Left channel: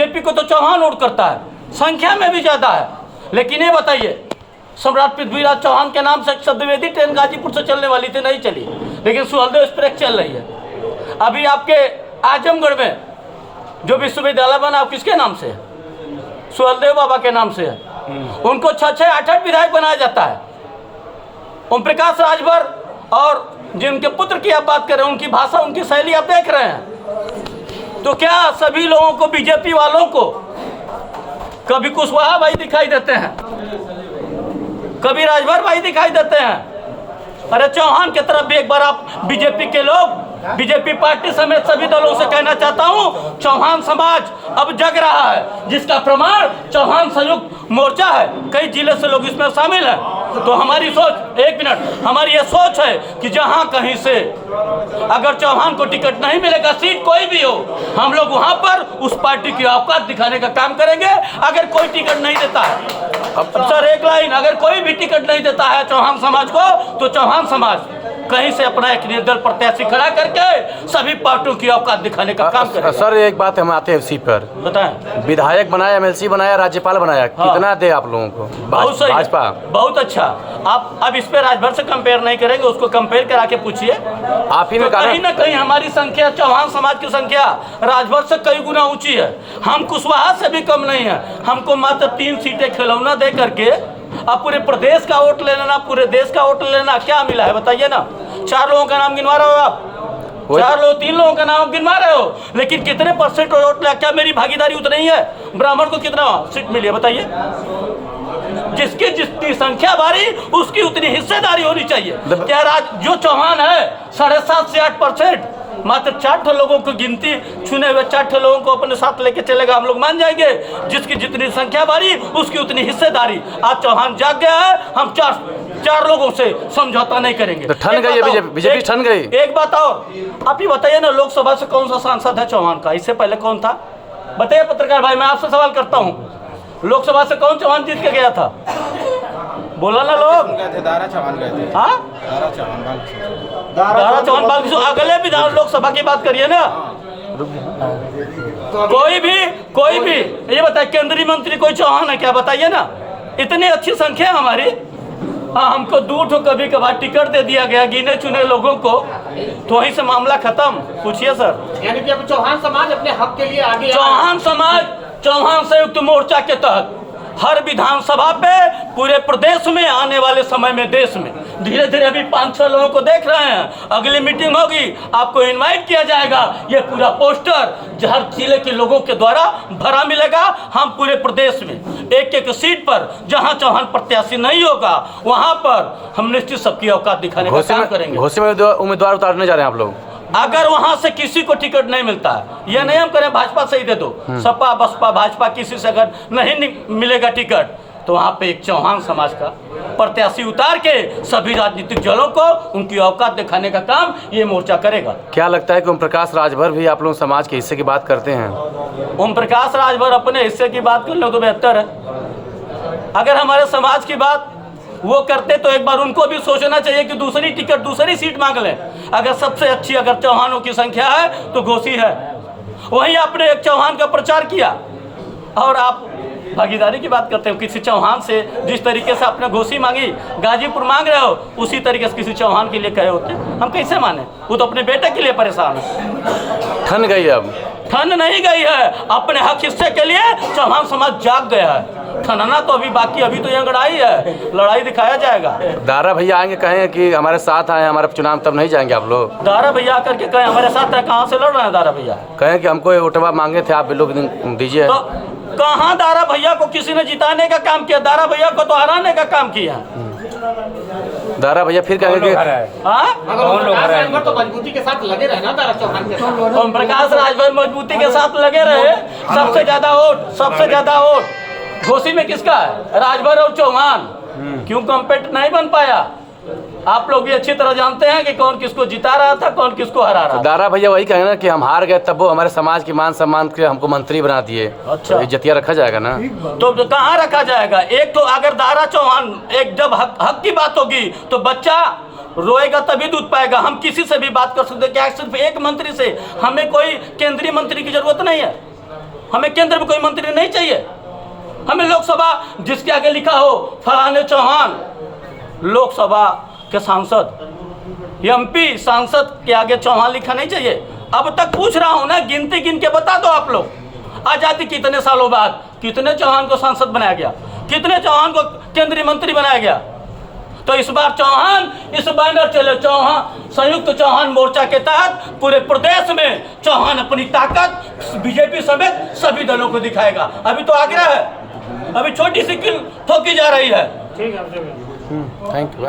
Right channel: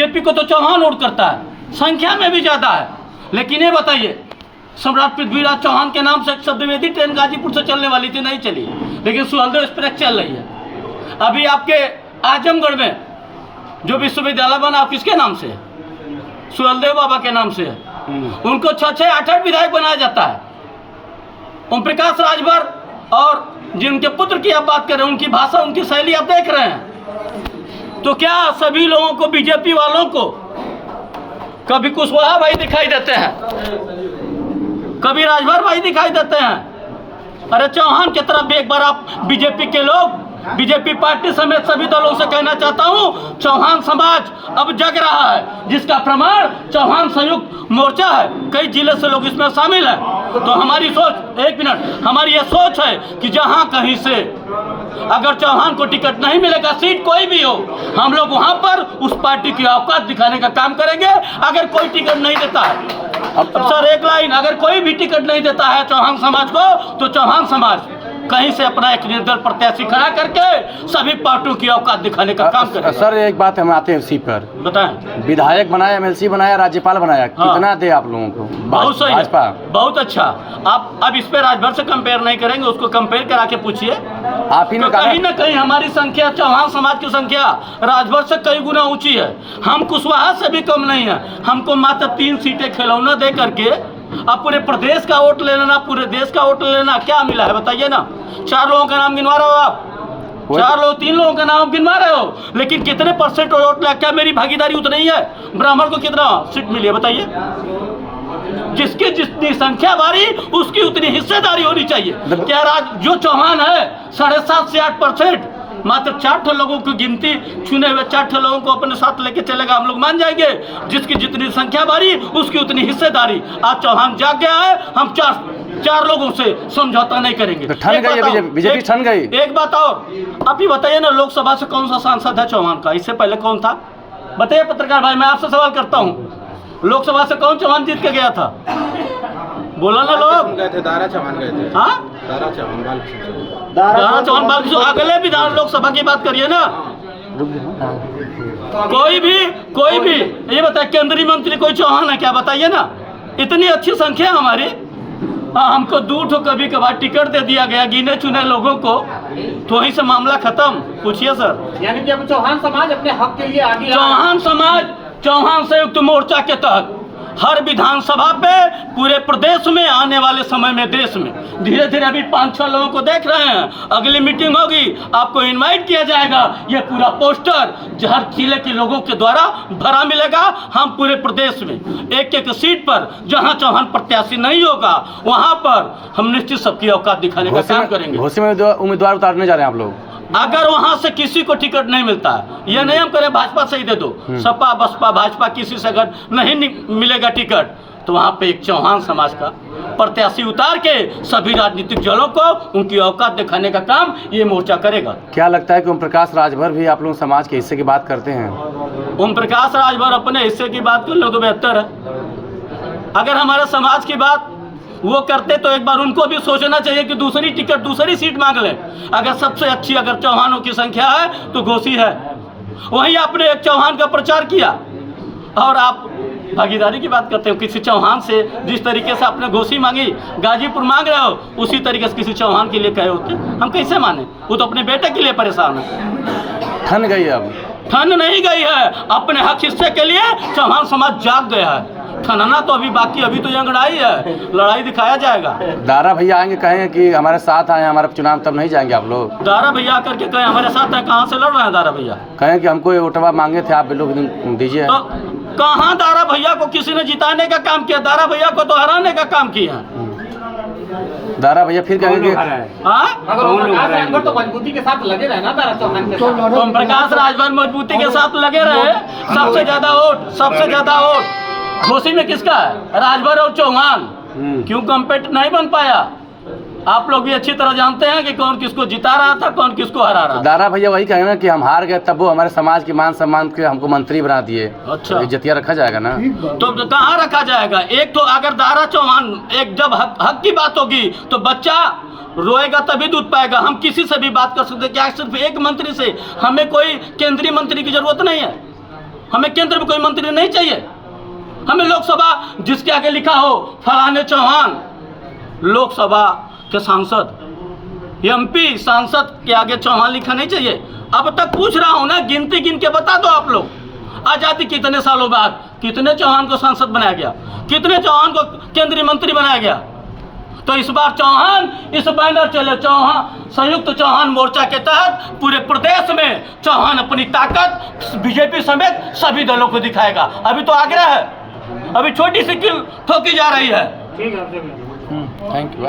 BJP को तो Chauhan vote करता है, संख्या में भी ज्यादा है। लेकिन ये बताइए, सम्राट पृथ्वीराज चौहान के नाम से शब्दवेदी ट्रेन गाजीपुर से चलने वाली थी, नहीं चली, लेकिन सुहलदेव एक्सप्रेस चल रही है। अभी आपके आजमगढ़ में जो विश्वविद्यालय बना किसके नाम से है? सुहलदेव बाबा के नाम से है। उनको 6-6, 8-8 विधायक बनाया जाता है। ओम प्रकाश राजभर और जिनके पुत्र की आप बात कर रहे हैं, उनकी भाषा, उनकी शैली आप देख रहे हैं। तो क्या सभी लोगों को, बीजेपी वालों को, कभी कुशवाहा भाई दिखाई देते हैं, कभी राजभर भाई दिखाई देते हैं? अरे चौहान की तरफ भी एक बार आप बीजेपी के लोग, बीजेपी पार्टी समेत सभी दलों से कहना चाहता हूं, चौहान समाज अब जग रहा है, जिसका प्रमाण चौहान संयुक्त मोर्चा है। कई जिले से लोग इसमें शामिल हैं। तो हमारी सोच, एक मिनट, हमारी ये सोच है कि जहां कहीं से अगर चौहान को टिकट नहीं मिलेगा, सीट कोई भी हो, हम लोग वहां पर उस पार्टी की औकात दिखाने का काम करेंगे। अगर कोई टिकट नहीं देता है, अब सर एक लाइन, अगर कोई भी टिकट नहीं देता है चौहान समाज को, तो चौहान समाज कहीं से अपना एक निर्दल प्रत्याशी खड़ा करके सभी पार्टियों की औकात दिखाने का काम करेगा। सर एक बात हम आते हैं इसी पर, बताएं। विधायक बनाया, MLC बनाया, राज्यपाल बनाया, हाँ। कितना दे आप लोगों को? बहुत सही, भाजपा बहुत अच्छा। आप अब इस पे राजभर से कंपेयर नहीं करेंगे, उसको कंपेयर करा के पूछिए। आप ही ने तो कहीं ना कहीं हमारी संख्या, चौहान समाज की संख्या राजभर से कई गुना ऊंची है। हम कुशवाहा से भी कम नहीं है। हमको मात्र 3 सीटें खिलौना दे करके अब पूरे प्रदेश का वोट ले लेना, पूरे देश का वोट ले लेना, क्या मिला है बताइए ना? 4 लोगों का नाम गिनवा रहे हो आप, 4 लोग, 3 लोगों का नाम गिनवा रहे हो, लेकिन कितने % वोट लिया? क्या मेरी भागीदारी उतनी ही है? ब्राह्मण को कितना सीट मिली है बताइए? जिसकी जितनी संख्या बारी, उसकी उतनी हिस्सेदारी होनी चाहिए। क्या जो चौहान है 7.5 से 8%, मात्र 4 लोगों की गिनती, चुने हुए 4 लोगों को अपने साथ लेके चलेगा, हम लोग मान जाएंगे। जिसकी जितनी संख्या बारी, उसकी उतनी हिस्सेदारी। आज चौहान जाग गया है, हम 4 लोगों से समझौता नहीं करेंगे। तो ठन गई बीजेपी, ठन गई। एक बात और, आप ही बताइए ना, लोकसभा से कौन सा सांसद है चौहान का? इससे पहले कौन था बताइए? पत्रकार भाई, मैं आपसे सवाल करता हूँ, लोकसभा से कौन चौहान जीत के गया था? बोला ना लोग? गए थे, दारा चौहान गए थे। हाँ, दारा चौहान बाल अगले विधान लोकसभा की बात करिए ना। कोई भी ये बताए, केंद्रीय मंत्री कोई चौहान है क्या? बताइए ना। इतनी अच्छी संख्या हमारी। हाँ, हमको दूर तो कभी कभार टिकट दे दिया गया गिने चुने लोगों को, तो वहीं से मामला खत्म। पूछिए सर। यानी कि अब चौहान समाज अपने हक के लिए आगे, चौहान समाज चौहान संयुक्त मोर्चा के तहत हर विधानसभा पे पूरे प्रदेश में, आने वाले समय में देश में, धीरे धीरे अभी 5-6 लोगों को देख रहे हैं। अगली मीटिंग होगी, आपको इनवाइट किया जाएगा। ये पूरा पोस्टर हर जिले के लोगों के द्वारा भरा मिलेगा। हम पूरे प्रदेश में एक सीट पर जहां चौहान प्रत्याशी नहीं होगा, वहां पर हम निश्चित सबकी औकात दिखाने का काम करेंगे। घोषणा में उम्मीदवार उतारने जा रहे हैं आप लोग। अगर वहां से किसी को टिकट नहीं मिलता, ये नहीं हम करें भाजपा से ही दे दो, सपा बसपा भाजपा किसी से अगर नहीं मिलेगा टिकट, तो वहां पे एक चौहान समाज का प्रत्याशी उतार के सभी राजनीतिक दलों को उनकी औकात दिखाने का काम ये मोर्चा करेगा। क्या लगता है कि ओम प्रकाश राजभर भी आप लोग समाज के हिस्से की बात करते हैं? ओम प्रकाश राजभर अपने हिस्से की बात कर लो तो बेहतर है। अगर हमारे समाज की बात वो करते तो एक बार उनको भी सोचना चाहिए कि दूसरी टिकट, दूसरी सीट मांग लें। अगर सबसे अच्छी अगर चौहानों की संख्या है तो घोसी है। वहीं आपने एक चौहान का प्रचार किया और आप भागीदारी की बात करते हो। किसी चौहान से जिस तरीके से आपने घोसी मांगी, गाजीपुर मांग रहे हो, उसी तरीके से किसी चौहान के लिए कहे होते, हम कैसे माने? वो तो अपने बेटे के लिए परेशान है। ठन गई, अब ठन नहीं गई है। अपने हक हिस्से के लिए चौहान समाज जाग गया है। ठनना तो अभी बाकी, अभी तो यहाँ लड़ाई है, लड़ाई दिखाया जाएगा। दारा भैया आएंगे, कहेंगे कि हमारे साथ आए हमारे चुनाव, तब नहीं जाएंगे आप लोग? दारा भैया करके कहें हमारे साथ है, कहाँ से लड़ रहे हैं दारा भैया? कहें कि हमको वोटवा मांगे थे, आप लोग दीजिए। तो कहाँ दारा भैया को किसी ने जिताने का काम किया? दारा भैया को तो हराने का काम किया। दारा भैया फिर कहेंगे तो मजबूती के साथ लगे रहे ना दारा चौहान के। ओम प्रकाश राजभर मजबूती के साथ लगे रहे। सबसे ज्यादा वोट घोसी में किसका है? राजभर और चौहान। क्यों कम्पेट नहीं बन पाया? आप लोग भी अच्छी तरह जानते हैं कि कौन किसको जिता रहा था, कौन किसको हरा रहा था। दारा भैया वही कहेंगे ना कि हम हार गए, तब वो हमारे समाज के मान सम्मान के हमको मंत्री बना दिए। अच्छा, इज्जतिया रखा जाएगा ना? तो कहाँ रखा जाएगा? एक तो अगर दारा चौहान, एक जब हक की बात होगी तो बच्चा रोएगा तभी दूध पाएगा। हम किसी से भी बात कर सकते हैं। क्या सिर्फ एक मंत्री से? हमें कोई केंद्रीय मंत्री की जरूरत नहीं है। हमें केंद्र में कोई मंत्री नहीं चाहिए। हमें लोकसभा जिसके आगे लिखा हो फलाने चौहान, लोकसभा के सांसद एमपी सांसद के आगे चौहान लिखा नहीं चाहिए। अब तक पूछ रहा हूं ना, गिनती गिन के बता दो आप लोग। आजादी कितने सालों बाद कितने चौहान को सांसद बनाया गया, कितने चौहान को केंद्रीय मंत्री बनाया गया। तो इस बार चौहान इस बैनर चले, चौहान संयुक्त चौहान मोर्चा के तहत पूरे प्रदेश में चौहान अपनी ताकत बीजेपी समेत सभी दलों को दिखाएगा। अभी तो आग्रह है, अभी छोटी सी कील ठोकी जा रही है। Thank you.